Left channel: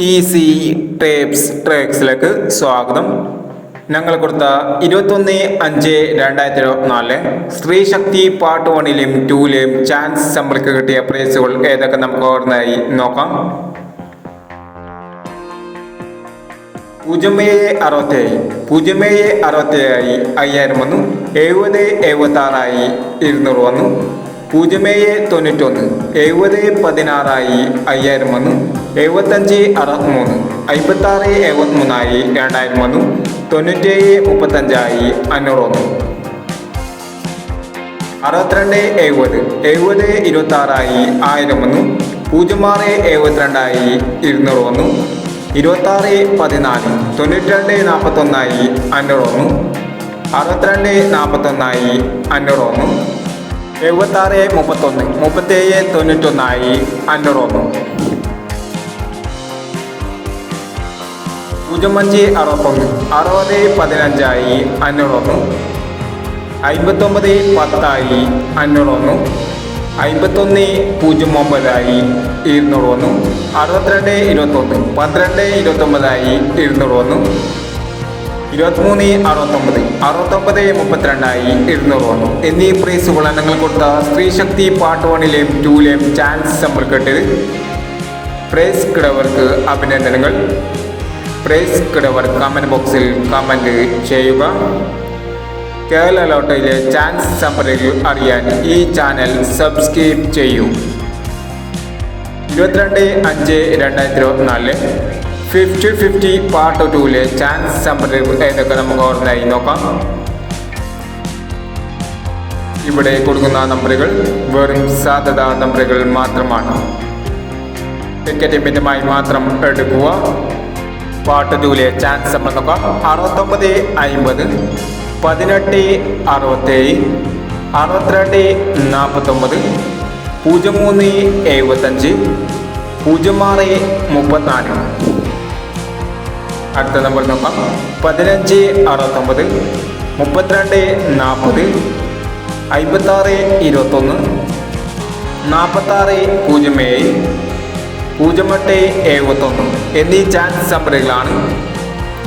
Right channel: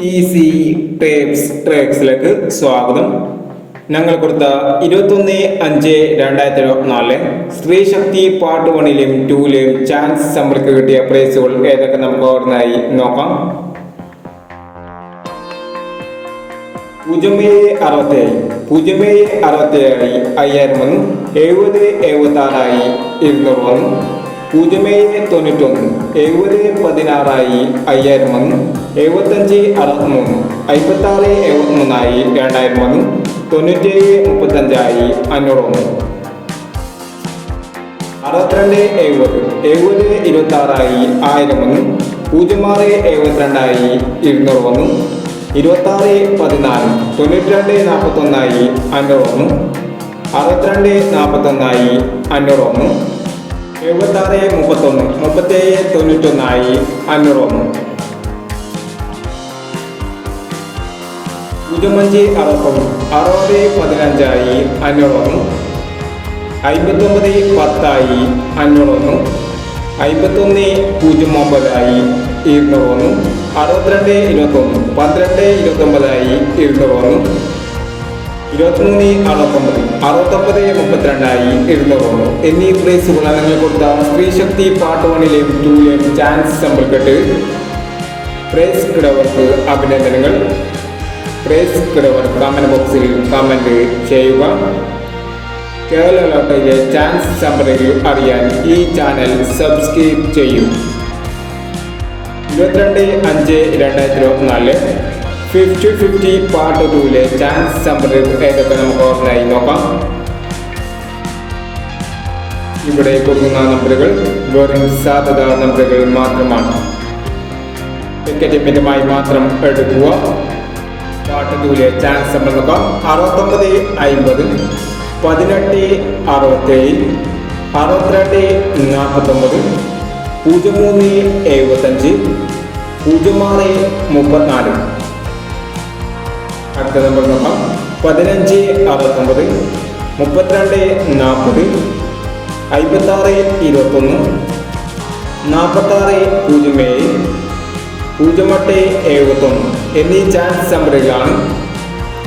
Easy tapes ട്രേക്സിലേക്ക് സ്വാഗതം. ഞങ്ങൾ കൊടുത്ത 21/5/2024 സ്ത്രീശക്തി പാർട്ട് 1ലെയും 2ലെയും ചാൻസ് നമ്മൾക്ക് കിട്ടിയ പ്രൈസുകൾ ഏതൊക്കെ നമുക്ക് ഓർമ്മയായി നോക്കാം. 06767 5000 വന്നു. 7076 200 വന്നു. 091 7016 5000 വന്നു. 7563 5673 2000 വന്നു. 9735 500 വന്നു. 6270 7026 1000 വന്നു. 0672 200 വന്നു. 2614 9241 500 വന്നു. 6241 500 വന്നു. 7631 3791 500 വന്നു. 0560 6015 500 വന്നു. 5910 500 വന്നു. 5109 200 വന്നു. 6221 1229 200 വന്നു. 2369 6932 200 വന്നു. എന്നീ പ്രൈസുകൾ നിങ്ങൾ കൊടുത്ത സ്ത്രീശക്തി പാർട്ട് 1ലെയും 2ലെയും ചാൻസ് സമ്പർക്കിട്ട് പ്രൈസ് കിടവർക്ക് അഭിനന്ദനങ്ങൾ. പ്രൈസ് കിടവർ കമന്റ് ബോക്സിൽ കമന്റ് ചെയ്യുക. കേരള ലോട്ടറിയിലെ ചാൻസ് സമ്പർക്കുകൾ അറിയാൻ ഈ ചാനൽ സബ്സ്ക്രൈബ് ചെയ്യൂ. 22/5/2024 50-50 പാർട്ട് 2ലെ ചാൻസ് സമ്പർക്കുകൾ ഏതൊക്കെ നമുക്ക് ഓർമ്മയായി നോക്കാം. ഇവിടെ കൊടുക്കുന്ന നമ്പറുകൾ വെറും സാധ്യതാ നമ്പറുകൾ മാത്രമാണ്. ടിക്കറ്റുമായി മാത്രം എടുക്കുക. പാർട്ട് 2ലെ ചാൻസ് സമ്പർക്കം 6950 1867 6249 0375 0634. അടുത്ത നമ്പർ നോക്കാം. 1569 3240 5621 4607 0871 എന്നീ ചാൻസ് സമ്മറികളാണ്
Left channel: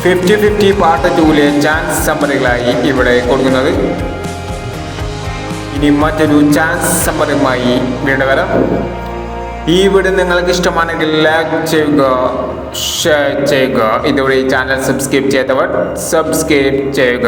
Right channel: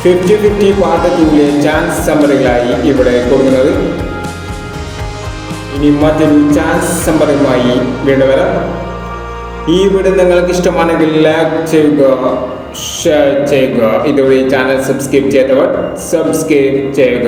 50-50 പാർട്ട് 2ലെ ചാൻസ് സമ്മറികളായി ഇവിടെ കൊടുക്കുന്നത്. ഇനി മറ്റൊരു ചാൻസ് സമ്മറിയുമായി വീണ്ടും വരാം. ഈ വീഡിയോ നിങ്ങൾക്ക് ഇഷ്ടമാണെങ്കിൽ ലൈക്ക് ചെയ്യുക, ഷെയർ ചെയ്യുക. ഇതുവഴി ചാനൽ സബ്സ്ക്രൈബ് ചെയ്യാത്തവർ സബ്സ്ക്രൈബ് ചെയ്യുക.